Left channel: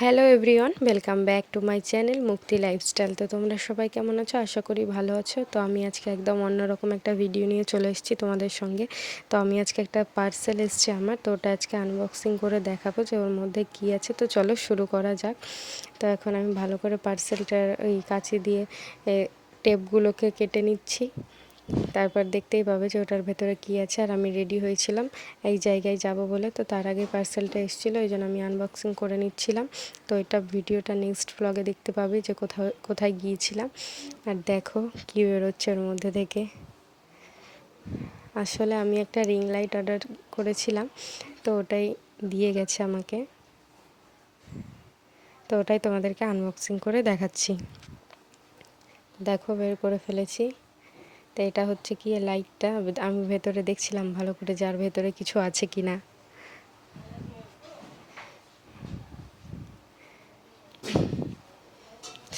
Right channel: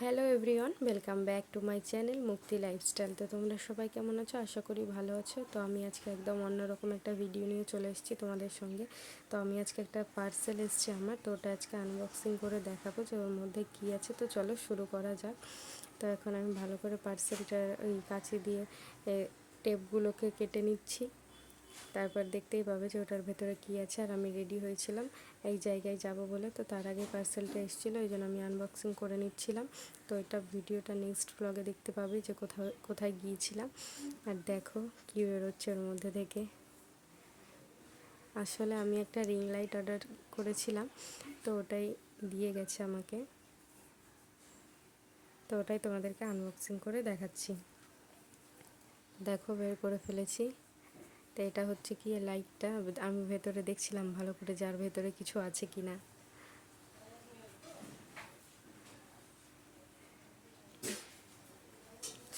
Hello everyone, welcome back to my channel মুক্তি lifestyle. তো তোমরা সবাই কেমন আছো? আশা করি ভালো আছো। তো আমি আজকে একদম অন্যরকম একটা ভিডিও নিয়ে চলে এসেছি তোমাদের সঙ্গে। তো আমি আজকে একটা পার্সেল এসছে আমার, তো ওটা আজকে আনবক্সিং করে দেখাবো যে ওর মধ্যে কী আছে। তো চলো শুরু করা যাক। তো এখন আমি ভালো করে পার্সেলটার ওই কাঁচি দিয়ে টেপগুলোকে কেটে নিচ্ছি। তারপর দেখতেই পাবে যে ওটার ভেতরে কী আছে। আর আমি রেডি হয়েছিলাম এই জায়গায় যাব বলে, তো তার আগে পার্সেলটা এসেছিলো, এই জন্য আমি আনবক্সিং করে নিচ্ছিলাম। তো এটা ভিডিওটা নেক্সট ব্লগে দেখতে পাবে যে কোথায় গিয়েছিলাম। আর দেখো কী বেরোচ্ছে ওর মধ্যে থেকে। আসলে আমি একটা রিং লাইট অর্ডার করেছিলাম, তো ওটাই দিয়ে গেছে আমাকে। তো ওটাই তোমাদেরকে আনবক্সিং করে দেখাচ্ছি। দেখো বের করে ফেলেছি। তো এটা হচ্ছে কি লাইটটা, আমি ভেতরে দেখছিলাম ভালো করে যার ভেতরে কিছু আছে কি না।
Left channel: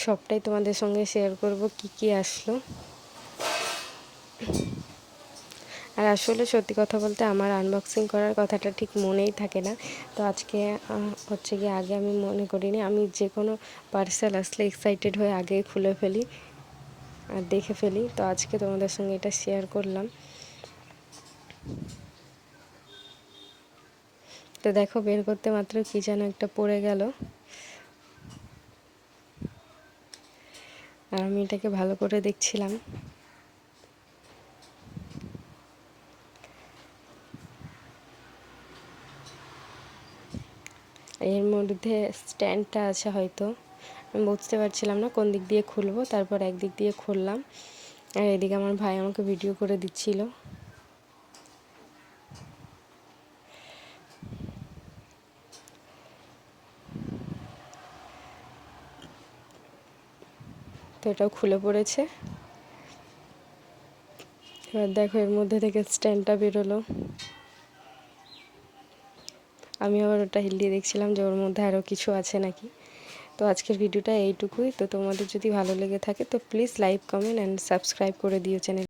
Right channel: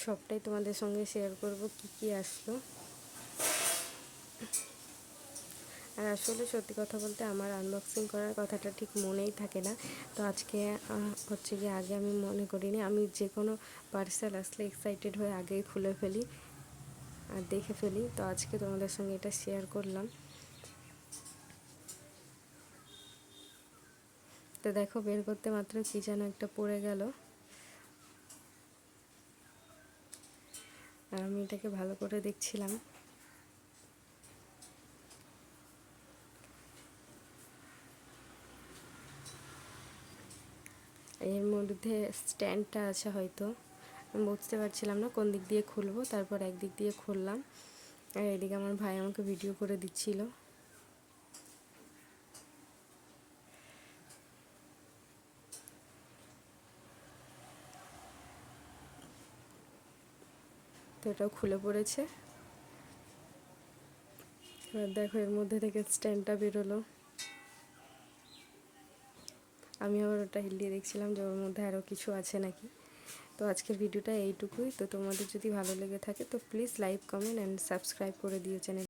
সবটাই তোমাদের সঙ্গে শেয়ার করব কি কি আসলো। আর আসলে সত্যি কথা বলতে আমার আনবক্সিং করার কথাটা ঠিক মনেই থাকে না। তো আজকে হচ্ছে কি, আগে আমি মনে করিনি। আমি যে কোনো পার্সেল আসলে এক্সাইটেড হয়ে আগে খুলে ফেলি আর দেখে ফেলি। তো আজকে তোমাদের সঙ্গে এটা শেয়ার করলাম। তো দেখো বের করতে মাত্র কি যেন একটা পড়ে গেল, আর আমি এটাকে ভালো করে দেখছিলাম। এর মধ্যে স্ট্যান্ডটা আছে হয়তো, আমি বুঝতে পারছিলাম না কোন দিক দিয়ে খুলবো। তারপর একদিক দিয়ে খুললাম, আর এদিকে আমার ভাই আমাকে ভিডিও করে দিচ্ছিল। তো এটাও খুলে পড়েছে। এবার দেখো এর মধ্যে থেকে স্ট্যান্ডটা বেরোলো। আমি আবার ওটা হিলিয়ে দেখছিলাম যে ওর মধ্যে আরও কিছু আছে নাকি। তো আজকের ভিডিওটা এইটুকুই। তো তোমাদের যদি ভালো লেগে থাকে তো please like, comment and subscribe করে দিও চ্যানেল।